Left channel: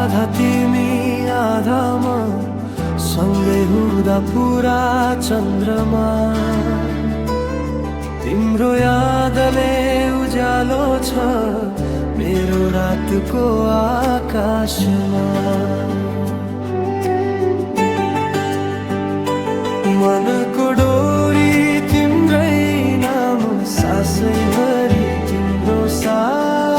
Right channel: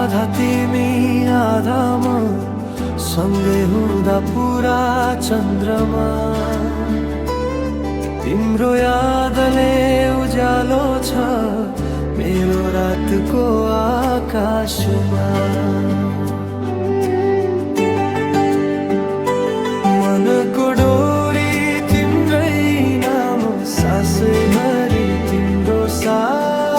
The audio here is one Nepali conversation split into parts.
आधा तिमी आधा म सँगै हुँदा पुरा चन्द्रमा तिम्रो यादले उज्यालो छ मेरो रातको आकाशमा मनको डोरी तिम्रै नाम सासैभरि तिम्रो साथ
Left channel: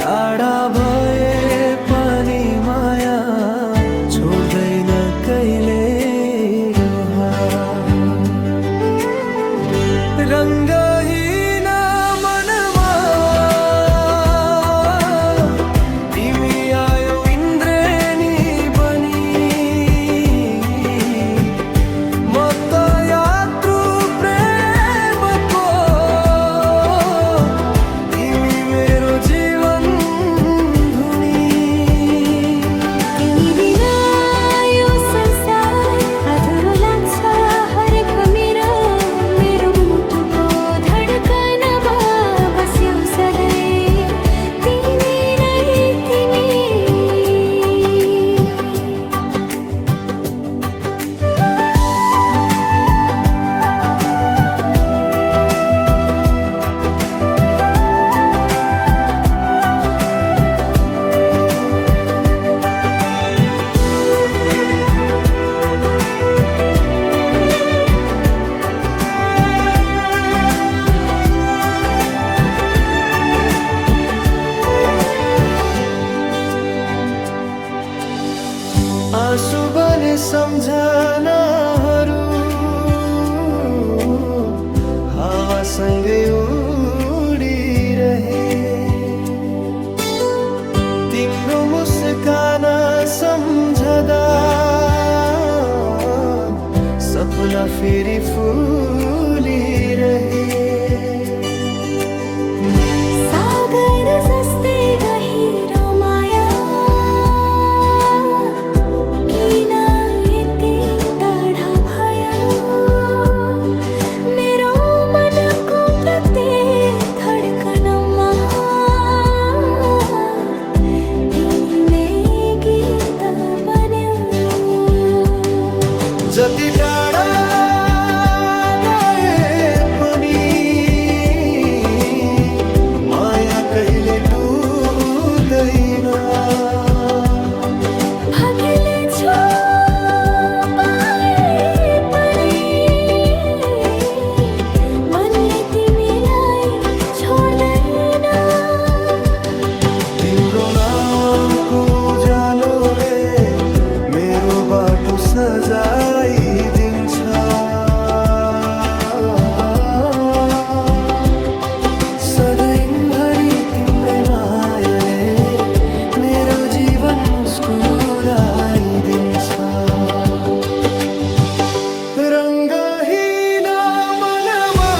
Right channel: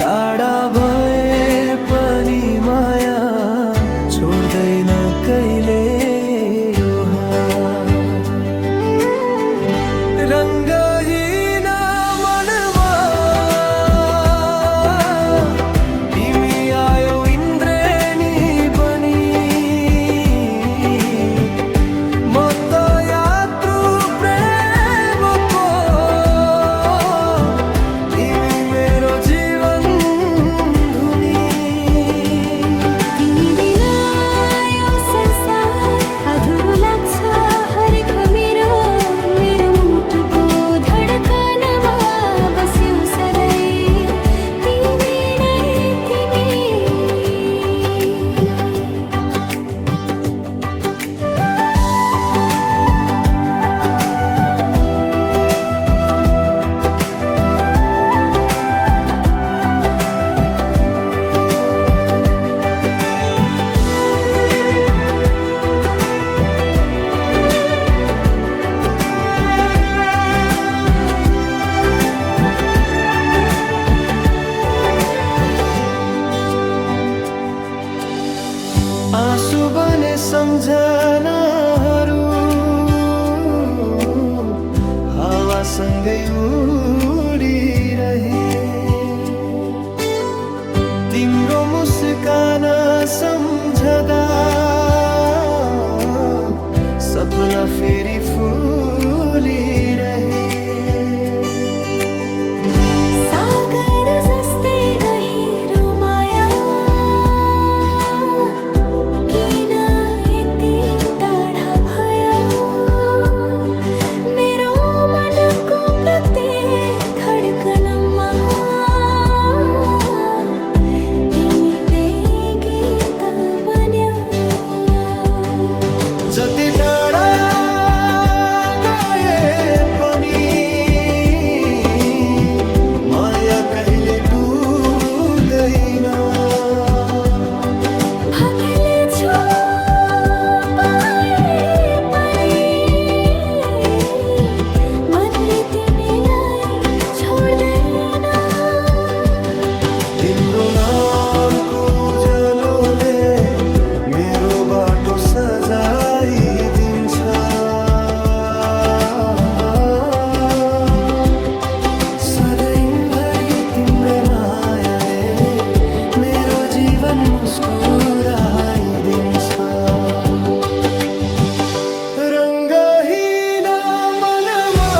टाढा भए पनि माया छोड्दैन कहिले यो हात रङ्गहीन मनमा तिमी आयो इन्द्रेणी बनी म त यात्रु प्रेमको तिमी मेरो जीवन धुनी तिमी बिना यो संसार अधुरो लाग्छ हरेक मेरो मेरो मुटुको धडकनमा बस्यौ सधैँ तिमी नै तिमी आँसु बने सम्झनाहरू हावासँगै उडिरहे तिम्रो मुस्कान सम्झदा सपना फेरि फुलिरहे सागर जस्तै गहिरो माया किन यति टाढा भयो मेरो मनको प्रत्येक धडकनमा तिमी नै गीत बन्यौ जति टाढा गए पनि माया कहिले टुट्दैन भाग्यले छो पाए पनि मनले तिमीलाई छोड्दैन तिम्रो नामको उज्यालोले मेरो बाटो सजाइदिन्छ सधैँभरि तिम्रै मायाले मेरो जीवन मुस्कुराइदिन्छ रङ्गहीन मनमा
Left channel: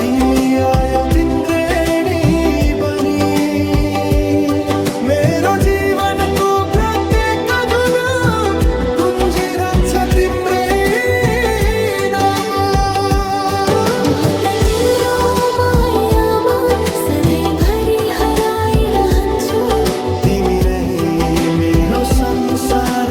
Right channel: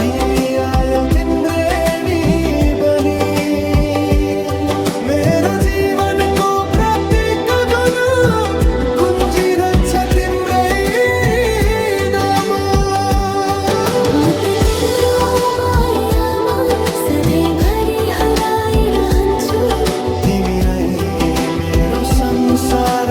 तिमी आयौ इन्द्रेणी बनी मेरो जीवनको प्रत्येक धुन गुन्जिरहन्छ तिम्रै नाम म त तिम्रो मायामा सधैँभरि हराइरहन्छु तिमी नै मेरो संसार